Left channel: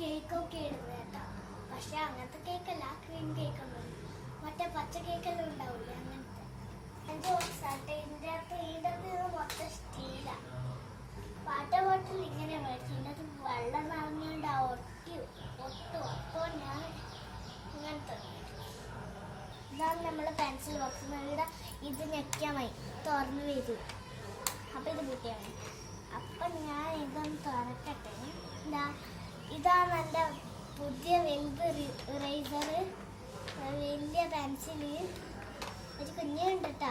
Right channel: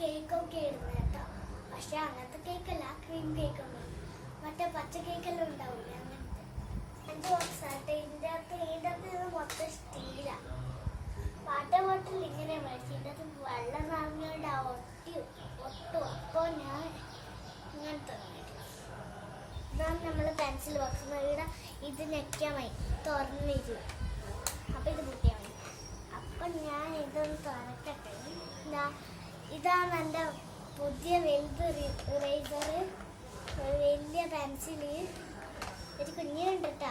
കേക്കൊക്കെ ഇടുന്നത് കേട്ടോ. പക്ഷെ അങ്ങനത്തെ കേക്കല്ല, ക്രീം കേക്കൊന്നും. മറ്റേ പച്ച കേക്കെല്ലാം ഉണ്ടാവില്ലേ, അങ്ങനത്തെ 5 ബോക്സ് ആട്ടെ. ഇതിൻ്റെ അകത്ത് മൊത്തം സ്റ്റീലാ. വാട്ടർ ബോട്ടിൽ ഇങ്ങനെ മേടിച്ചു, ഇതിൻ്റെ അകത്ത് വെള്ളം നിറഞ്ഞുകൊണ്ട് ഒട്ടും. അപ്പോൾ ഞാൻ ഇങ്ങനത്തെ ഇതാണ് നമ്മളെ പെൻസിൽ ബോക്സ്. ഇവിടെ ഇത് ഞെക്കാൻ മതി, തുറന്നു വരില്ല. അപ്പം ഇത് പൊട്ടിയാൽ മതി. അപ്പം ഞാൻ ഇതൊന്ന് തുറക്കട്ടെ. ഇതാണ് എൻ്റെ പുതിയ വലുത് ഇറേസർ, വലിയ പെൻസില്. ഒരു കുഞ്ഞുണ്ട് കേട്ടോ.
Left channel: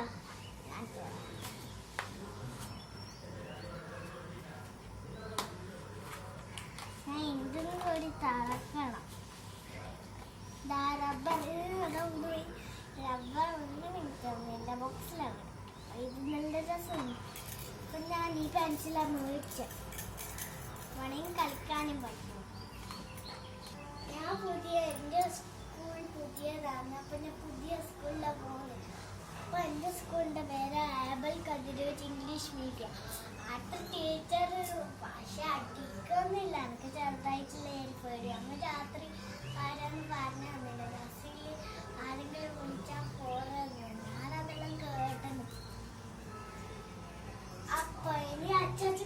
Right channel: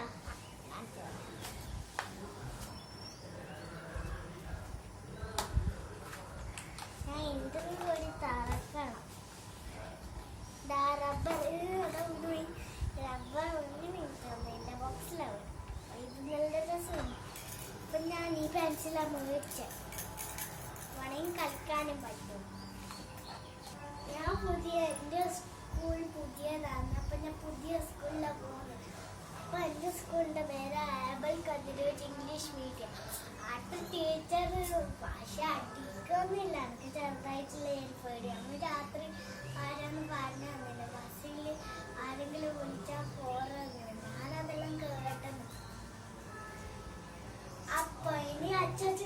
ഞാൻ ഇതും കൂടി തറക്കണം. റബ്ബർ ഒന്നിനും കിട്ടുന്നു എൻ്റെ ബോക്സിലാണ്. ഇത് നല്ല രസമുണ്ട്. അപ്പം ഞാൻ ഈ പെൻസിലാണ് മേടിച്ചത്. വേണമെങ്കിൽ കളിക്കാനും പറ്റും. ഞാൻ എൻ്റെ സ്കൂൾ പുതിയതാണ്. അപ്പം ഞാൻ പുതിയ സ്കൂളിലാണ് പോകുന്നത്. അപ്പോൾ എൻ്റെ സ്കൂളിൻ്റെ പേര് ആബൽ കതിരൂർ ഇംഗ്ലീഷ് മീഡിയം. അടുത്ത ടീച്ചർ ഭാഷ അടിക്കൊന്നുമില്ല. എനിക്ക് ചെറുതായിട്ടുള്ള പേടി. അന്ന് രാത്രി ആരാന്ന് പറഞ്ഞു തന്നില്ല. ബസ്സിൽ ആരെങ്കിലും വിളിച്ചാൽ പോറന്ന് ഞാനതെല്ലാം കേട്ടെന്ന്. അപ്പൊ ഇനി അച്ചാച്ചൻ